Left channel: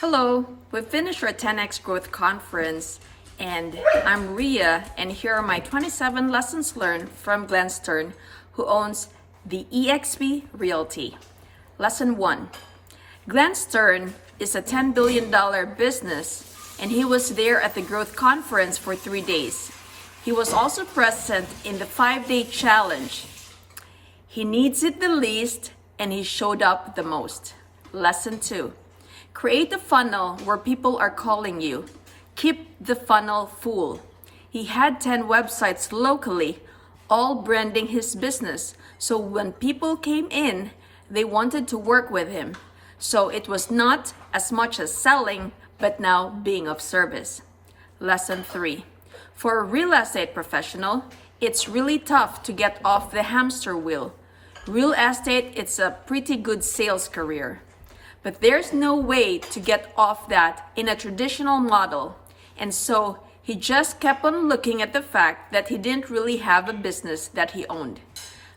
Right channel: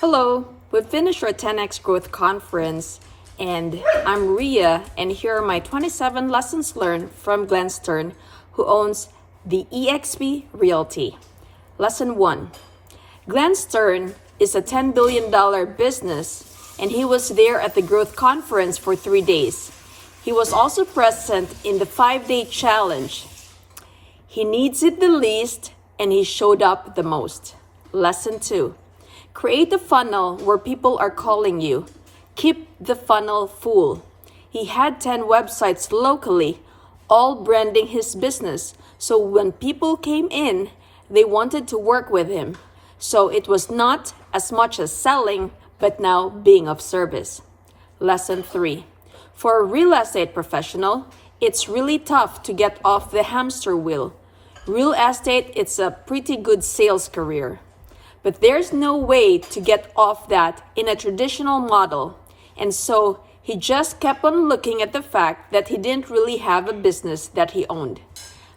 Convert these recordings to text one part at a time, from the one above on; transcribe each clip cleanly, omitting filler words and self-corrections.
Hello, we've finished our 10X Growth Conference, and I'm Ria, and here are my 27 lessons learned from Glenn Stern, who owns the eXp Realty. Lesson 1. Glenn Stern is a $10 billion business, and he was there at the Growth Conference for 3 days. He was also present in the 5-day challenge. He needs it the least, and he showed up the most. Lesson 2. Create a funnel where people are calling you. Keep the funnel full. He had 10 websites locally, all branding his business. So when people came in, they wanted to work with him. So it was not as much as selling, but now being of service. Lesson 3. For a real estate professional, it's really tough to get off the hamster wheel. Real estate, it's a pretty good sales career. But there's no way to get off that in a traditional model. And so he just kept on looking at the fact that he didn't really have a business that he owned.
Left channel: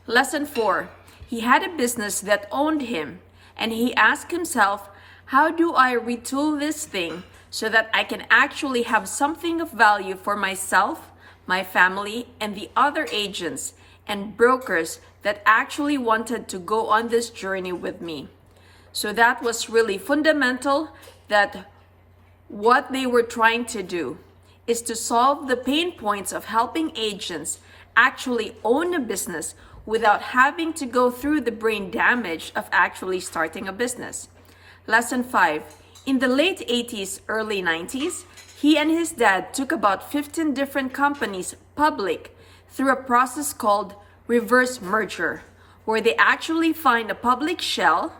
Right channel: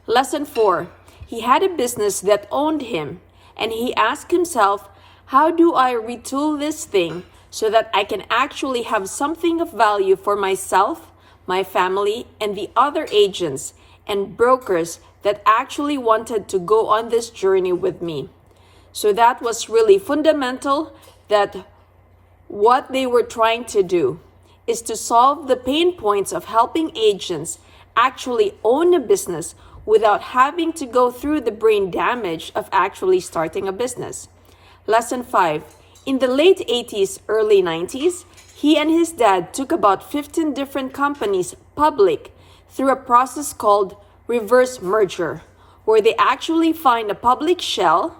Lesson 4. He had a business that owned him. And he asked himself, how do I retool this thing so that I can actually have something of value for myself, my family, and the other agents and brokers that actually wanted to go on this journey with me? So that was really fundamental, that what they were trying to do is to solve the pain points of helping agents actually own a business without having to go through the brain damage of actually starting a business. Lesson 5. In the late 80s, early 90s, he and his dad took about 15 different companies public through a process called reverse merger, where they actually find a public shell,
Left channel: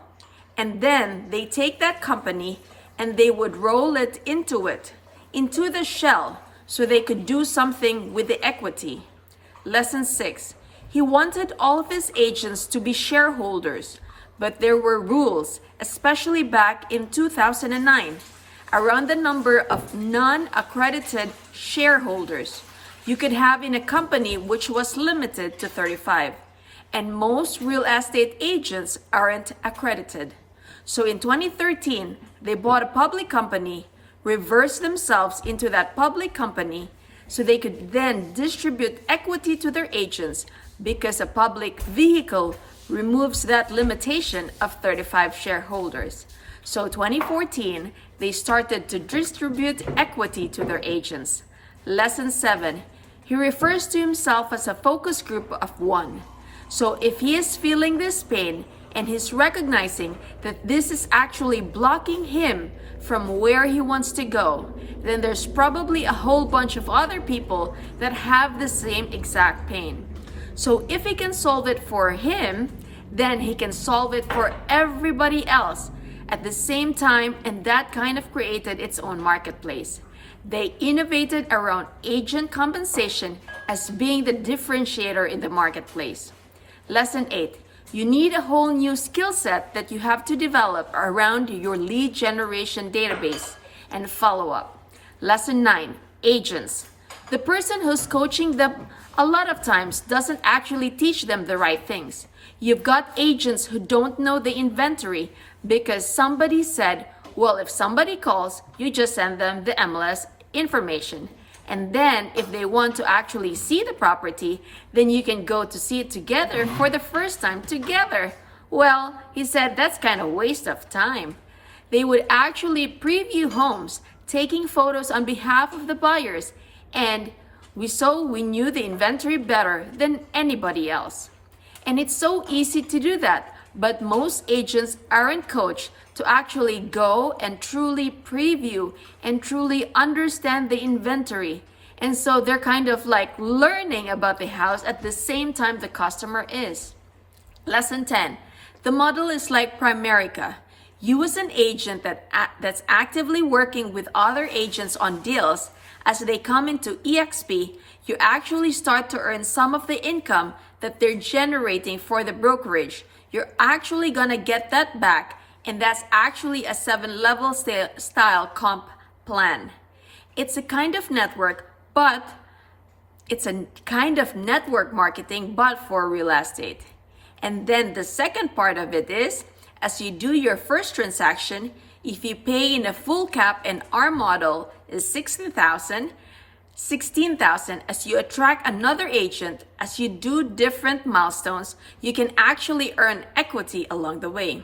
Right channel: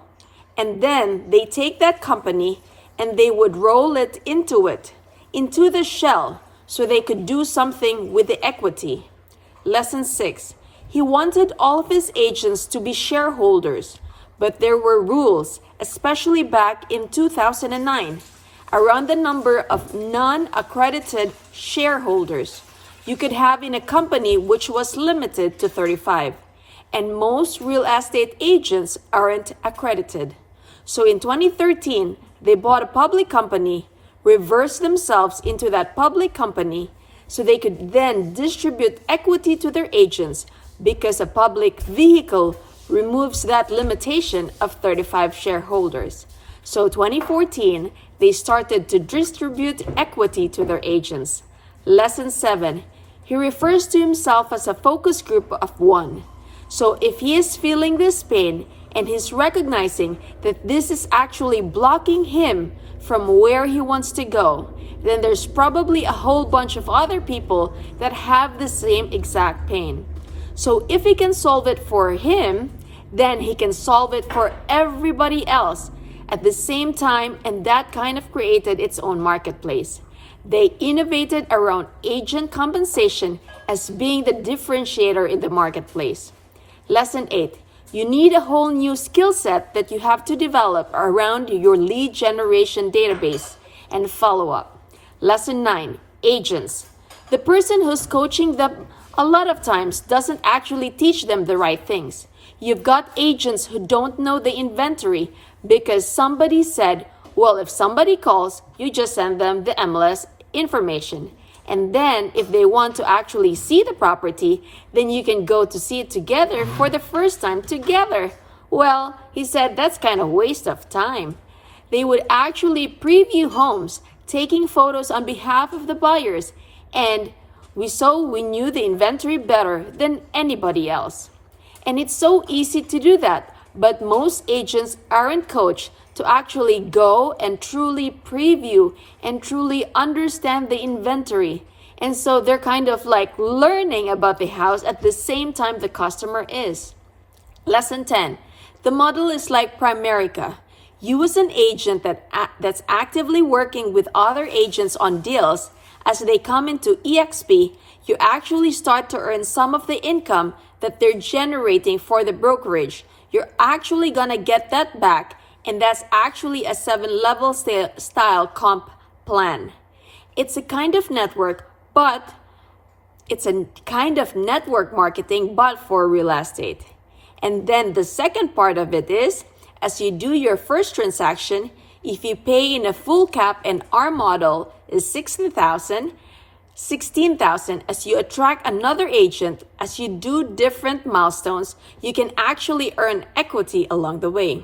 and then they take that company and they would roll it into the shell, so they could do something with the equity. Lesson 6. He wanted all of his agents to be shareholders, but there were rules, especially back in 2009, around the number of non-accredited shareholders you could have in a company, which was limited to 35. And most real estate agents aren't accredited. So in 2013, they bought a public company, reversed themselves into that public company, so they could then distribute equity to their agents, because a public vehicle removes that limitation of 35 shareholders. So 2014, they started to distribute equity to their agents. Lesson 7. He refers to himself as a focus group of 1. So if he is feeling this pain, and he's recognizing that this is actually blocking him from where he wants to go, then there's probably a whole bunch of other people that have the same exact pain. So if he can solve it for him, then he can solve it for everybody else at the same time, and that kind of created its own marketplace. They innovated around agent compensation as being the differentiator in the marketplace. Lesson 8. You need a whole new skill set that you have to develop around your lead generation database and follow-up. Lesson 9. Agents. The person who's coaching them a lot of times doesn't actually teach them the right things. You've got agents who don't know the inventory because somebody said, well, if somebody calls, you just send them the MLS information. And then if they want to actually see the property, then you can go to see it together for the first time together. Well, he said that's kind of waste of time. They would actually preview homes, taking photos on behalf of the buyers, and we knew the inventory better than anybody else. And it's so easy to do that, but most agents aren't coached to actually go and truly preview and truly understand the inventory. And so they're kind of like learning about the house at the same time the customer is. Lesson 10. The model is like Primerica. You as an agent that's actively working with other agents on deals, as they come into eXp, you actually start to earn some of the income that they're generating for the brokerage. You're actually gonna get that back, and that's actually a 7-level style comp plan. It's a kind of network, but it's a kind of network marketing, but for real estate. And then the second part of it is, as you do your first transaction, if you pay in a full cap and our model is 16,000, as you attract another agent, as you do different milestones, you can actually earn equity along the way.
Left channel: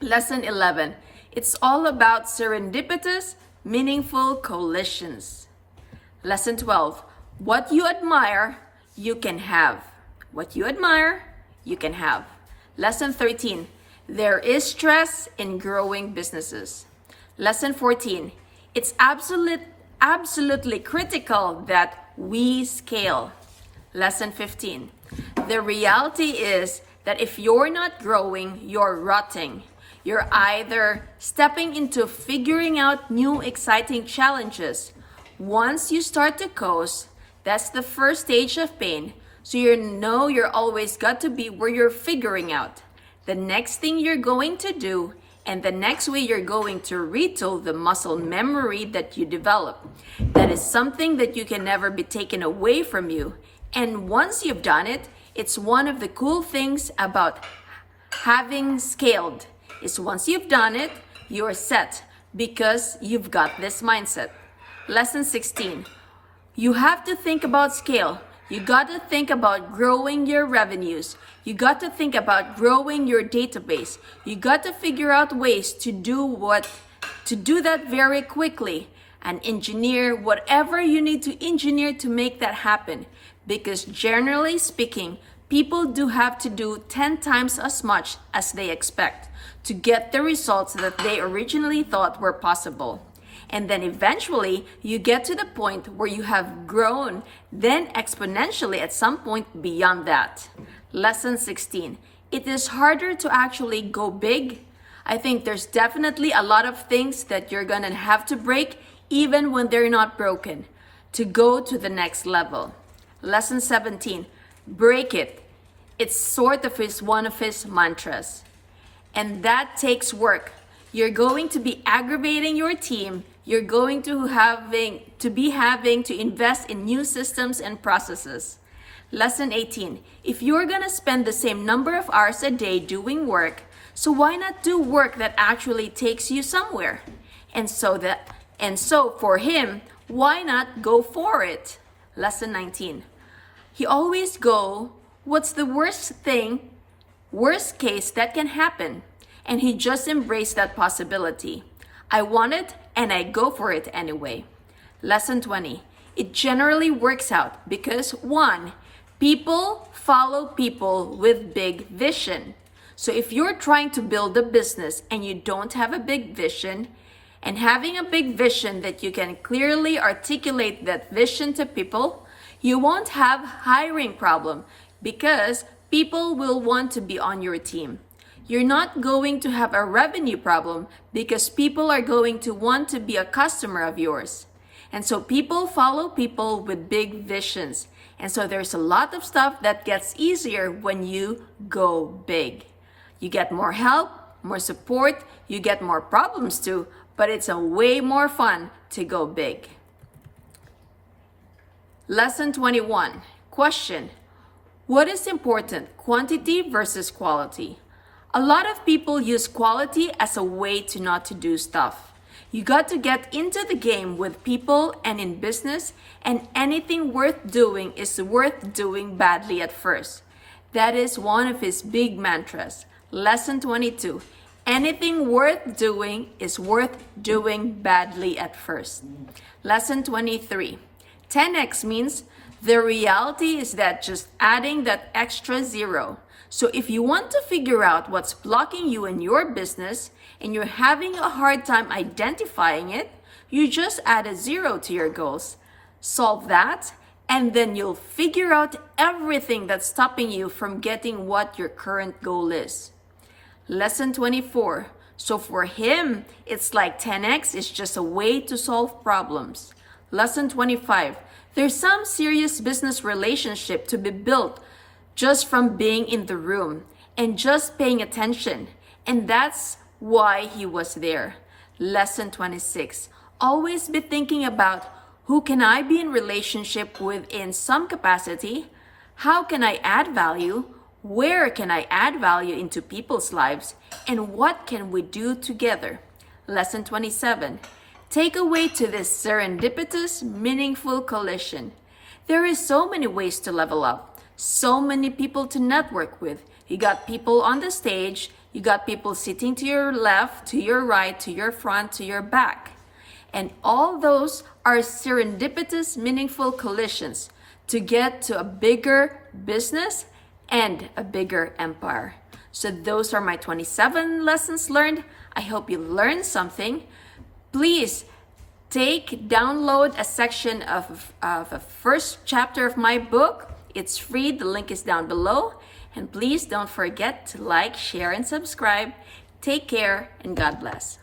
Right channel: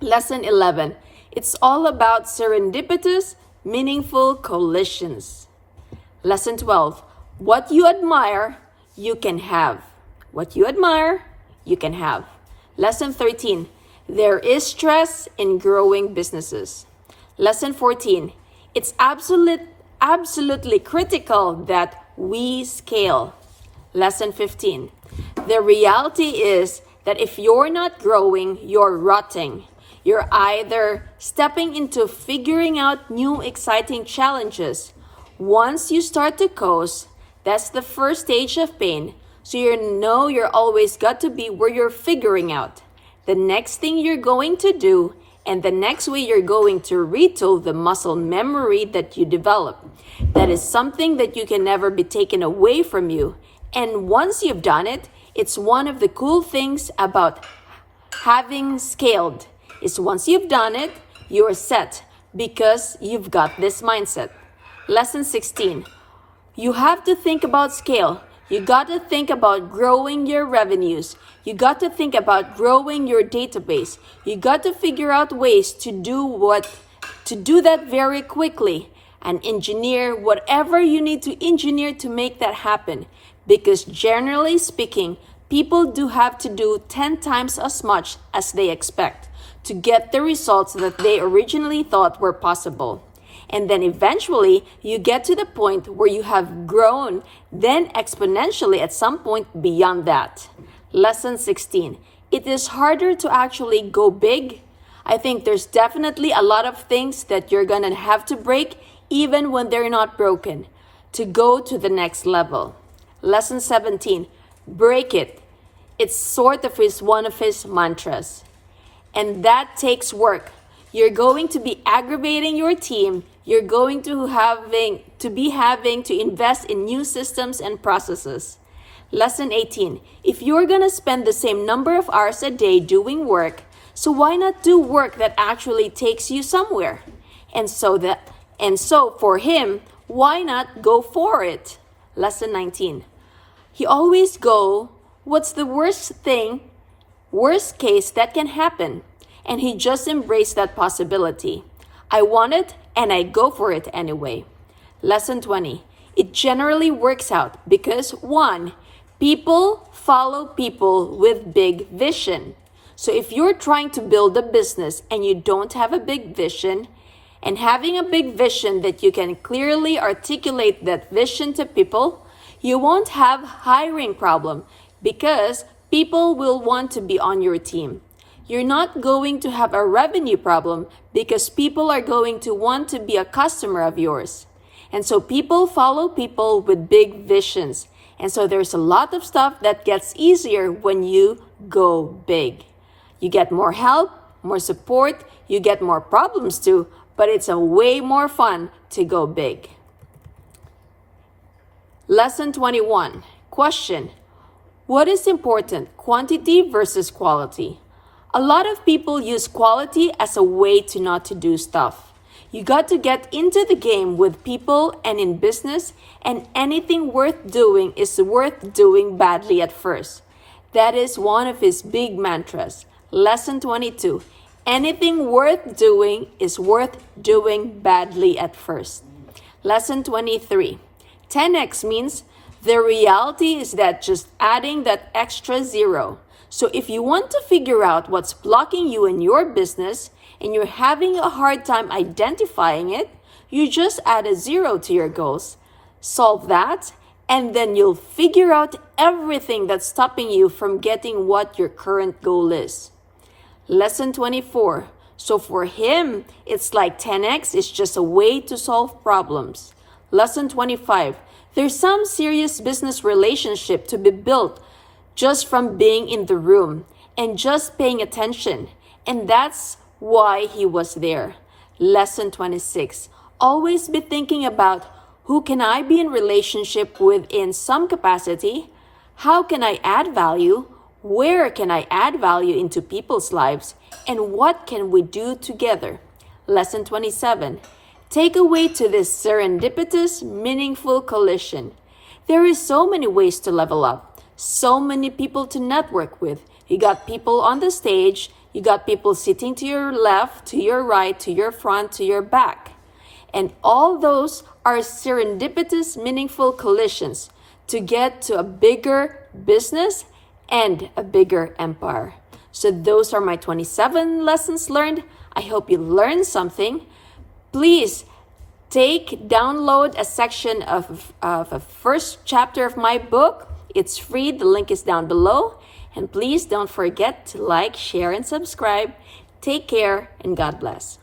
Lesson 11. It's all about serendipitous, meaningful collisions. Lesson 12. What you admire, you can have. What you admire, you can have. Lesson 13. There is stress in growing businesses. Lesson 14. It's absolutely critical that we scale. Lesson 15. The reality is that if you're not growing, you're rotting. You're either stepping into figuring out new exciting challenges. Once you start to coast, that's the first stage of pain. So you know you're always got to be where you're figuring out the next thing you're going to do and the next way you're going to retool the muscle memory that you develop. That is something that you can never be taken away from you. And once you've done it, it's one of the cool things about having scaled. Is once you've done it, you're set because you've got this mindset. Lesson 16. You have to think about scale. You got to think about growing your revenues. You got to think about growing your database. You got to figure out ways to do that very quickly and engineer whatever you need to engineer to make that happen. Because generally speaking, people do have to do 10 times as much as they expect to get the results that they originally thought were possible. And then eventually you get to the point where you have grown, then exponentially at some point beyond that. Lesson 16. It is harder to actually go big. I think there's definitely a lot of things that you're gonna have to break even when they're not broken to go to the next level. Lesson 17. Break it. It's sort of one of his mantras. And that takes work. You're going to be aggravating your team. You're going to having to invest in new systems and processes. Lesson 18. If you're going to spend the same number of hours a day doing work, so why not do work that actually takes you somewhere? And so for him, why not go for it? Lesson 19. He always go, what's the worst case that can happen? And he just embraced that possibility. I want it and I go for it anyway. Lesson 20. It generally works out because 1, people follow people with big vision. So if you're trying to build a business and you don't have a big vision, and having a big vision that you can clearly articulate that vision to people, you won't have hiring problem because people will want to be on your team. You're not going to have a revenue problem because people are going to want to be a customer of yours. And so people follow people with big visions. And so there's a lot of stuff that gets easier when you go big. You get more help, more support, you get more problems too, but it's a way more fun to go big. Lesson 21. Question. What is important, quantity versus quality? A lot of people use quality as a way to not to do stuff. You got to get into the game with people and in business, and anything worth doing is worth doing badly at first. That is one of his big mantras. Lesson 22. Anything worth doing is worth doing badly at first. Lesson 23. 10x means the reality is that just adding that extra zero. So if you want to figure out what's blocking you in your business and you're having a hard time identifying it, you just add a 0 to your goals. Solve that, and then you'll figure out everything that's stopping you from getting what your current goal is. Lesson 24. So for him, it's like 10x is just a way to solve problems. Lesson 25. There's some serious business relationship to be built just from being in the room and just paying attention. And that's why he was there. Lesson 26. Always be thinking about who can I be in relationship with in some capacity? How can I add value? Where can I add value into people's lives? And what can we do together? Lesson 27. Takeaway to this serendipitous, meaningful collision. There is so many ways to level up, so many people to network with. You got people on the stage, you got people sitting to your left, to your right, to your front, to your back. And all those are serendipitous, meaningful collisions to get to a bigger business and a bigger empire. So those are my 27 lessons learned. I hope you learned something. Please download a section of a first chapter of my book. It's free. The link is down below. And please don't forget to like, share, and subscribe. Take care and God bless.